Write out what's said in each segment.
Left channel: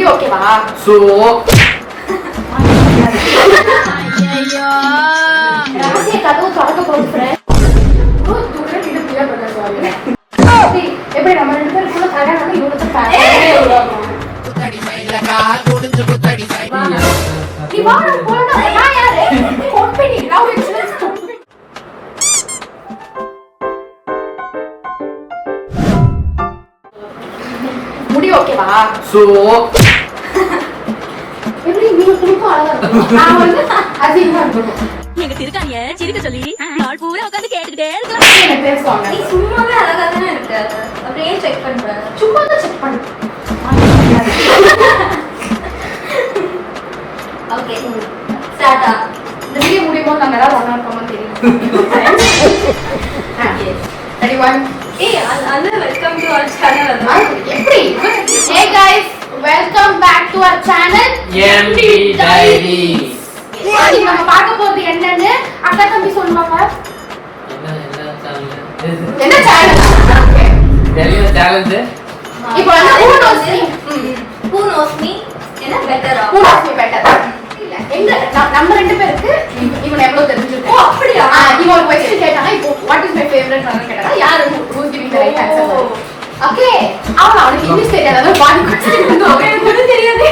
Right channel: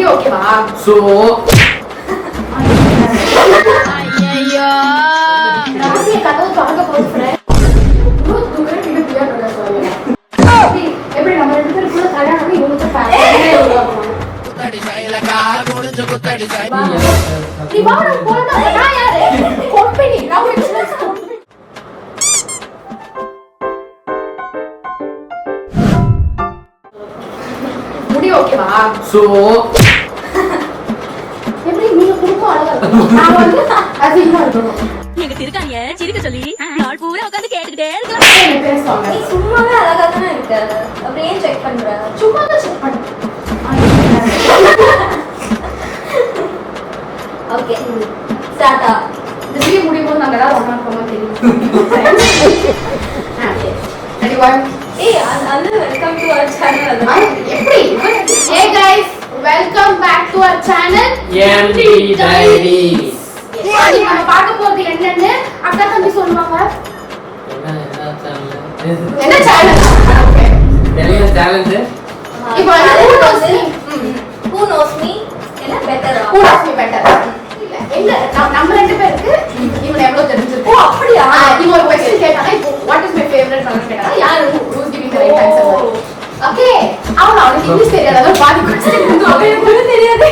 முடி ஓகேவா? சோ ஐயோ ராசி கதவு திறக்க போறேன். தூக்குறேன் இது பிரியா பிரதர் சாரி. எப்படி நம்ம ரெண்டு பேரும் ஃபுல்லா கல்யாணம் இவங்களுக்கு ஃபேன். நீ வாடா போடா நான் யாரு? Company love insurance company. முடி ஓகேவா? சோ எப்படி நீங்க குறுக்க அழகா இருக்கு. நான் வந்து அதிகமா இருக்கணும். நீங்க திருக்காணிய சிரிக்க சொல்லி நாள் பூரா உட்கார்ந்து கேட்டுக்கிட்டே இருக்கலாம். பேசுவாங்க. நீ சும்மாவே அழகா தானே இருக்க. அப்படியே செக் பண்ற. சும்மா தான் செக் பண்ணு. ஓகே ஸ்டார்ட்டா. இந்த வீடியோ முடியும் போது நாங்க ஏதாவது ஒண்ணா இருக்கோமோ தெரியும். ரெடி 1. ஏய் அந்த வெல்கம் டு आवर சேனல். எப்படி? Hey guys, welcome back to our channel MD Diaries. இன்னைக்கு நம்ம பார்க்க போறது என்னன்னு அக்கா தம்பி சொல்லுவாங்க. என்ன சேனல்? என்ன சேனல்? இப்போ வந்து who knows me என்ன பெட்டரா? who knows me better. இல்ல எங்க நம்ம ரெண்டு பேருக்கு இவன் எவ்வளவு தெரிஞ்சிருக்கு. ஓ அப்படியா? இவன் ஒரு क्वेश्चन கேட்டாங்க. இப்போ what is my favorite color கேட்டாங்க. யாரு who is giving the right answer? Okay அவனுக்கு இங்கிலீஷ் தெரியாதோ பாதி क्वेश्चन வந்து அவனுக்கு தெரியாது.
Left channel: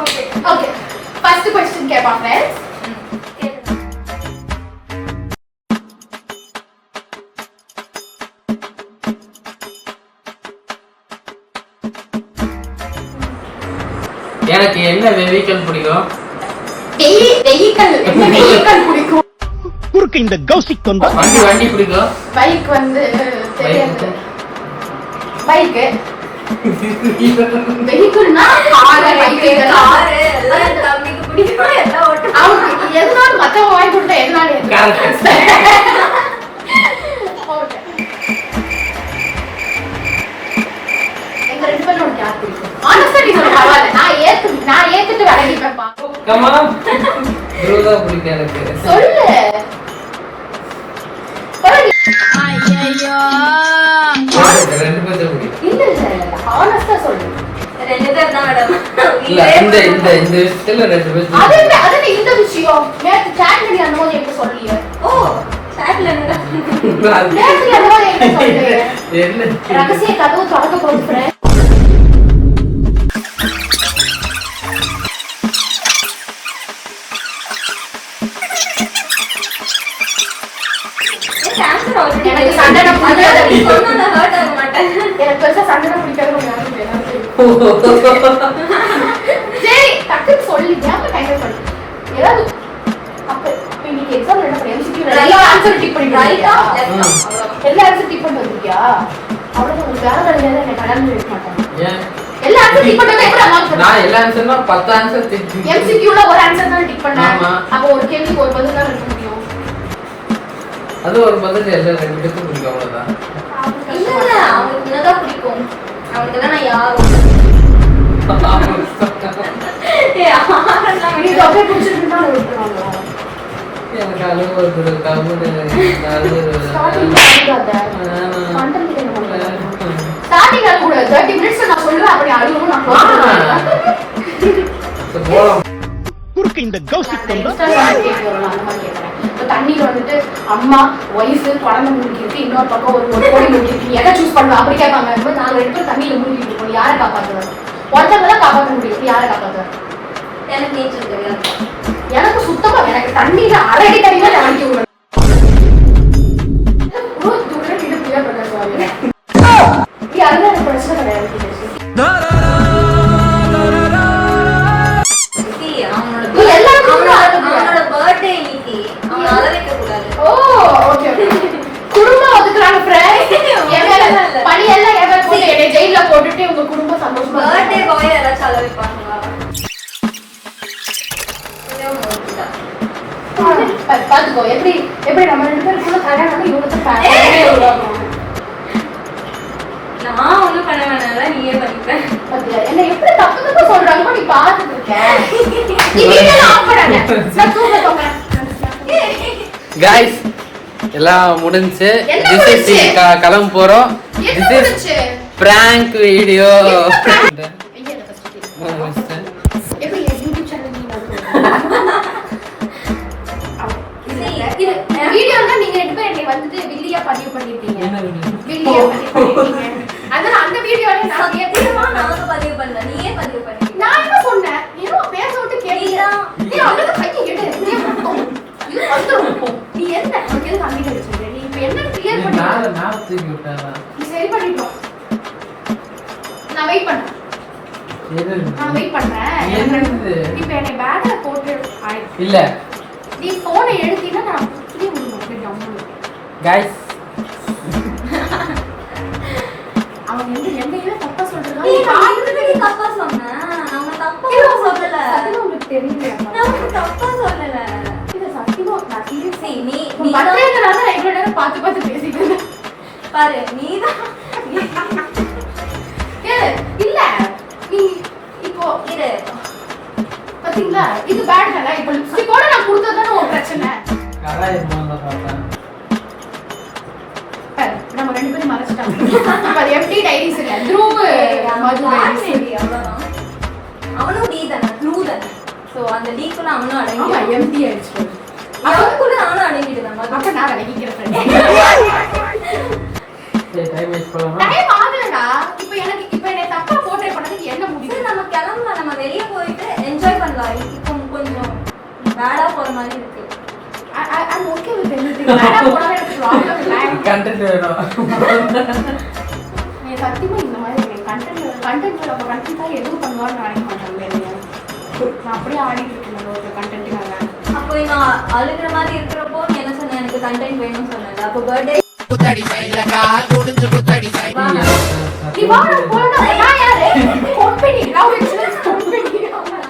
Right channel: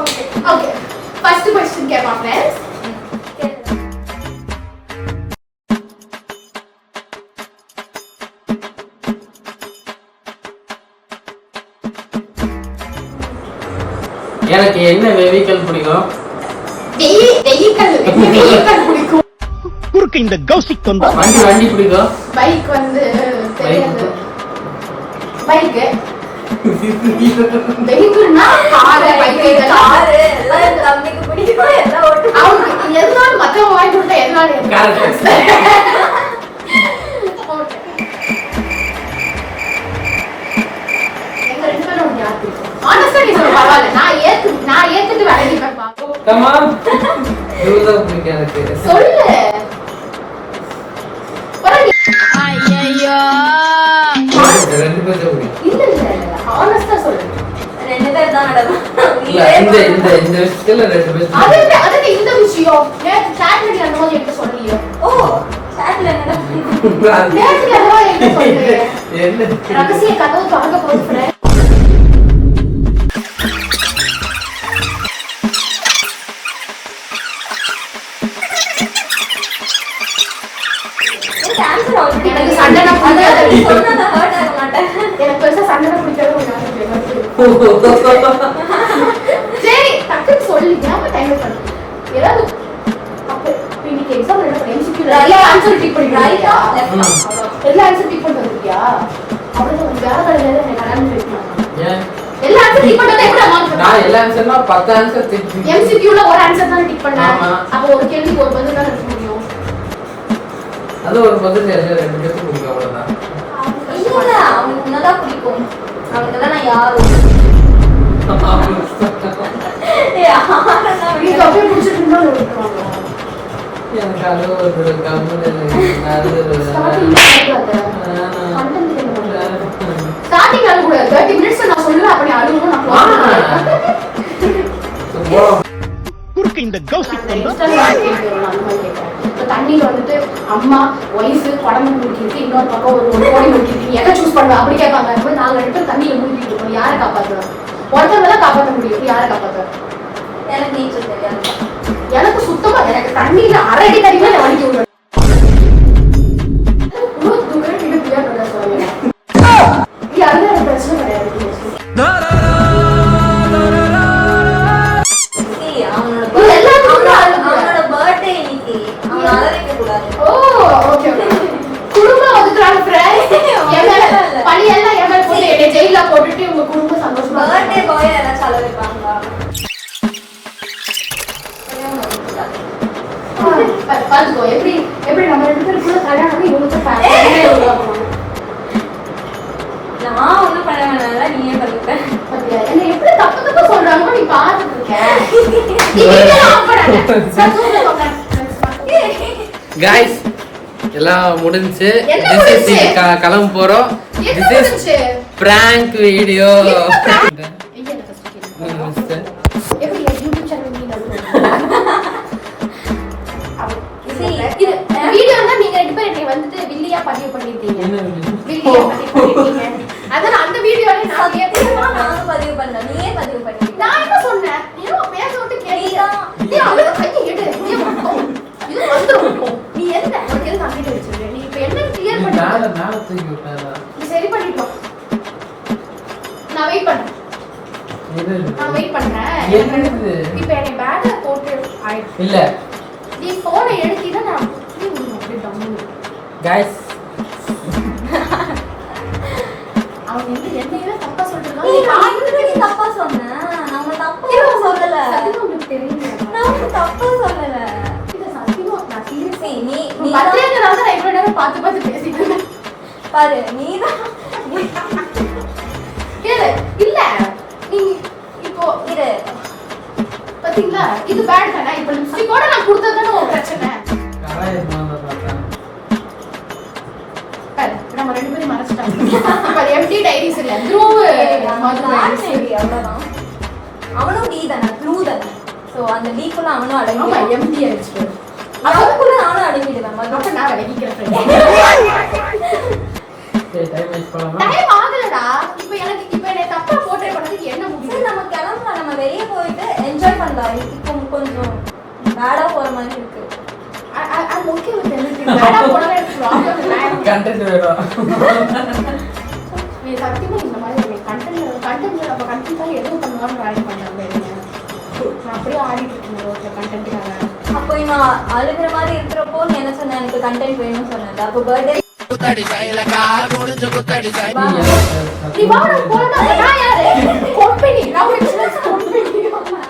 ஓகே ஓகே ஃபர்ஸ்ட் क्वेश्चन கேட்போம் फ्रेंड्स. எனக்கு என்ன வெஹிக்கிள் பிடிக்கும்? வெஹிக்கிள் பிடிக்கும். குறுக்கு இந்த கௌசிக் தொண்டா வண்டி பிடிக்கும். பைக் வந்து தெரியாது. பைக் வெஹிக்கிள்னா கார் பைக் கார் எல்லாம் தம்பிக்கு பிடிக்கும் எல்லாம் ஓட்டு. அவங்க எதனால மத்தவங்க வாங்கி கொடுத்தா எதனால Correct. எங்க ரெண்டு பேரும் யார் பிடிக்கும்? ஆனஸ்டா நீ சொல்ல பரவாயில்ல. நான் ஏத்துட்டு விலகிப்பேன் பாப்போம். Come on. ஜோதா பிடிக்கும் எனக்கு. சொல்லு. ஐயோ ரெண்டு பேரும் பிடிக்கும். இல்ல ஆனஸ்டா சொல்லு. ரெண்டு பேர் தான் மேடம். இல்ல இந்த விஷயத்துல ரெண்டு பேரும். அது இந்த விஷயம் நேத்து சாட் பண்ணி அந்த மாதிரி எப்படி சொல்றீங்க? ஓ சாட்ல என்ன? நேத்து அந்த மாதிரி எப்படி சொல்றீங்க? என்ன ரகசிய கதவு திறக்க போறேன். ஆன்சர் ஆல்ரெடி எனக்கு சண்டை பிடிக்காது. சொன்னா நான் ஹர்ட் ஆக மாட்டேன். எனக்கு பெருசா சண்டை பிடிக்காது. சரி டக்குன்னு சொல்லி ஏன் டைம் பண்ணி ஏதாவது அப்ப இன்னைக்கு எக்ஸாம்ல என்ன பண்ண MCQ எல்லா ஆன்சர் டிக் பண்ணி ரைட்டா ரைட்டா லெஃப்ட் எல்லா ஆன்சர் டிக் பண்ணி வந்துட்டியா? அவ்வளவு வேற வழியால என்ன கல்யாணம் பண்ணி மாட்டாங்க. ஏன்? எல்லா ஆன்சர் டிக் பண்ணா எப்படி அம்மா நான் எல்லா ஆன்சர்னா 10 ஆன்சர் தெரிஞ்சு. MCQல ஒரு ஆன்சர் தான் டிக் பண்ணா. ஆமா. அப்ப ஒரு கேள்விக்கு ஒரு பதில் தான் எழுத முடியும். அது ஒரு பதில் இல்ல ரெண்டு பேரும் பிடிக்கும் அவ்வளவுதான். இல்ல அவனுக்கு என்னதான் பிடிக்கும். அவனுக்கு தான் நான் யாரோ. நீ அப்படியே பிடிச்சிட்டு இருந்தா விட்டுருவாங்க. எனக்கு அழுகு வருது கம்முன்னு ஸ்டார்டிங் கண்டென்ட் என்ன பண்றது? ஸ்டார்டிங் அழுக கூடாது. 30 minutes நான் சொல்லுவேன். அப்ப நீ அழுகணும் நான் க்ளோஸ் பண்ணுவேன். குறுக்கு இந்த கௌசிக் தொண்டா தண்ணியில வந்துட்டு அம்மா வயசு குழந்தை மூழ்கிட்டு இன்னொரு பக்கம் ஒரு கோடி மூழ்கிட்டு எதை சூஸ் பண்ணுவா அப்படி கேட்பாங்க. நாங்க ரெண்டு பேரும் தண்ணியில மூழ்கிட்டு இருக்கோம். யாரை காப்பாத்துவோம்? ஒருத்தவங்க தான் காப்பாற்ற முடியும். யாரை காப்பாத்துவோம்? எனக்கு நீச்சல் தெரியாது. எனக்கு சுத்தமா எனக்கு தண்ணியில அரை அடி தண்ணியில நான் வலிக்க விடுவேன். அதெல்லாம் பிரச்சனை கிடையாது. அவனோட பர்த்டே இன்னைக்கு அவன் அழ வைக்க கூடாது. ஓ ஓகே குடும்பம் ஒதுக்குறாங்க ஃப்ரெண்ட்ஸ். பழி எல்லாம் எவன் போட்டு என்னை ஜெயில போட்டுட்டு உங்க குடும்பம் சந்தோஷமா பர்த்டே பாய் ஏதாச்சும் அழ வைப்பாங்களா? பாத்துக்கோ எப்படி நம்ம ரெண்டு பேரும் ஃபுல்லா கல்யாணம் இவங்களுக்கு ஃபேன். நான் ஒன்றும் பண்ண வேணாம். நீயே பண்ணிப்பேன். பாத்தியா என்ன எப்படி தப்பு தப்பு சொல்றாங்க நீ பாத்துட்டு இருக்க. गाइस எல்லாம் முடிஞ்சு கிளம்ப போறோம். This is prank video. எப்படி என் யூடியூப் சேனல் நீங்க இது வீடியோல நீங்க ரெண்டு பேரும் என்னை வந்துட்டு வில்லியா பதிவு பண்ணிருக்கீங்க. வில்லியா பதிவு பண்ணிருக்கீங்க. அதான் அந்த வீடியோல நான் சத்தியமா நானும் பதிவு பண்ணல. நீயே பதிவு பண்ணி. நான் என்ன சொன்னேன்? நீ பேச விட்டு கேட்டியா? நீ அவளை கையை எடு. நீ மட்டும் இது வந்துரும். நீ என்ன உனக்கு எதுக்கு அங்கிட்ட வச்சிருக்க? நீ இப்ப என்ன கிளியர் பண்ணி நால தூக்கி விட்டானா? நீ சரி பண்ணிட்டோம். நான் வெயிட் பண்றேன். நான் வெயிட் பண்றேன். என்னது? இப்போ என்னை பேக்ல போட்டு இல்ல நீ போனை எடுத்தீனா நான் புடி விடுவேன் அப்படி டம்மு. गाइस அவங்க என்னையே தப்பா சொல்றாங்க. நீ காதுக்கு தப்பா சொன்ன. நாம தப்பா சொல்லல. சத்தியமா உங்களுக்கு தெரியல. நாம தப்பா சொல்லல. இது சத்தியமா நான் சீரியஸா நீ பத்திரங்கனால நான் இவ்வளவு நேரம் பார்த்து பேசிட்டு இருந்தேன். பாரு நீதான் கேளு இல்ல நீ இப்போ இரு பாத்தீங்களா இது பேட் தானே. இப்போ லிப்ஸ்டிக்கோட நான் கொடுத்ததானே ஒரு பிரச்சனை. கராயமா பார்த்தா பாரு நம்ம ரெண்டு பேரும் மறைச்சிட்டோம். அது எம்டி டைரிஸ் இல்ல த்ரூவ் மது டைரிஸ். அவ்வளவுதான். அவனும் நீ தானே ப்ளூ தானே. சோ அந்த லீக்குள்ள அவனும் ஆமா அடங்கி எம்டி ஆயிடுச்சு. அவனுக்குள்ள நானும் அடங்கிட்டேன். அப்ப நான் விலகிக்கிறேன் ஃப்ரெண்ட். சரி டைம் வேஸ்ட் பண்ணலாமா? டைம் ஆகலடா. இப்போ எனக்கு இப்போ என்ன தப்பா போர்ட்ரே பண்ணதுக்கு என்ன முடிவு? சரி, நம்ம கிளம்பலாம். நம்ம வெளியே போயிட்டு என்ஜாய் பண்ணலாம். இப்போ கொஞ்சம் பேடா போற மாதிரி இருக்கு. I'm okay with anything. வேடா போனா எனக்கு ப்ராப்ளம் இல்ல. கண்டென்ட் வேணும். நீ சத்தியமா இந்த மாதிரி கண்டென்ட் அப்ப கண்டிப்பா எதுவும் பண்ணுவான்னு ட்ரை பண்ணல. நான் அப்படியே ஆடிட்டு இருக்கேன் ரோட்ல கண்டென்ட்காக. அப்போ இவன் அழுகிற மாதிரி இருக்கிறப்போ நீ என்ன சொன்ன? எனக்கு கண்டென்ட் வேணும்னு சொன்னேன். அப்போ பர்த்டே நீ வாடா போடா. நான் யாரு? Company love insurance company.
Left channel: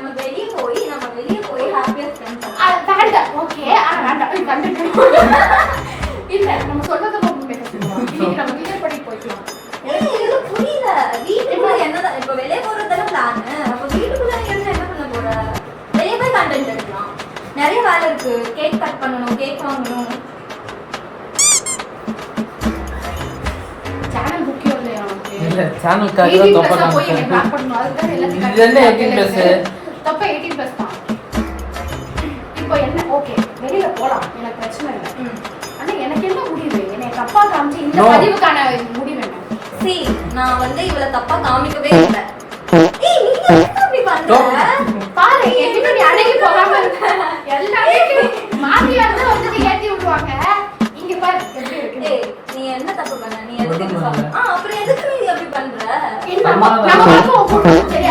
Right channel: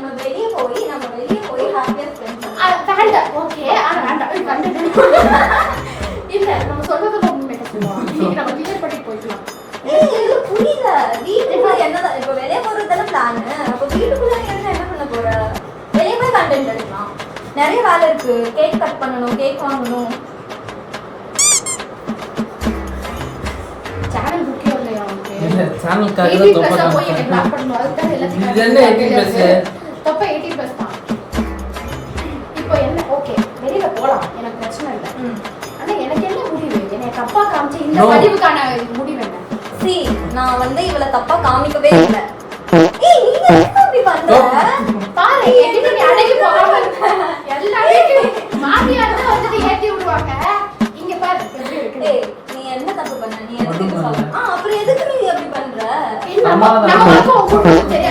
நம்ம வெளியே போய் ஹாப்பியா ஸ்பெண்ட் பண்ணலாம். வேண்டாம். ஓகே ஆனா வேண்டாம். இது கண்டென்ட் இல்ல நம்ம சொல்றத ரொம்ப மேக்கப் பண்ணுவோம். இன்னைக்கு நம்ம கிளியர் பண்ணி போய்க்கலாம். ஏய் இது புரியல. வீட்டுக்குள்ள என்னதான் இப்போ வெளியே போறதுல பிளான். அப்போ வீட்டுக்குள்ள என்ன பண்ண போற? வெளியே போய் கண்டென்ட் எடுக்கலாம். நிறைய வேலை இருக்கு. கேக் கட் பண்ணணும், கேக் வாங்கணும். சேனல் முக்கியம் இல்லையா உனக்கு? இல்ல சேனலுக்காக தான் 18 தப்பா plus போய் எனக்கு பிளாக் காமிச்சேன். பண்ணனும். அதுக்கு எல்லாத்தையும் இது என்ன 18 plus? தப்ப 18 plus தான். இப்போ என்ன ஓகே வெளியில போலாம். எனக்கு பிரச்சனை இல்ல. ஆனா எனக்கு என்ன முடிவு? என்னை தப்பா காமிச்சு இந்த பதிவுக்கான முடிவு என்ன? சி நான் வந்து இவள தப்பா காமிக்கவே இல்ல. ஏய் நீ என்ன அப்படி பண்ற? பாரு என்கிட்ட நீ அடக்கி போகாம இருக்க. எல்லாமே மாமியா இருந்தா வந்து ஏத்தி விடுவாங்க. இங்க பாரு எப்படி இருக்கு. ஏய் நீ என்ன தப்பு பண்ண? நீ எதுக்கு இப்படி சொல்ற? அப்புறம் எதுக்கு நீ அப்படி பண்ற? நம்ம நம்ம சரியா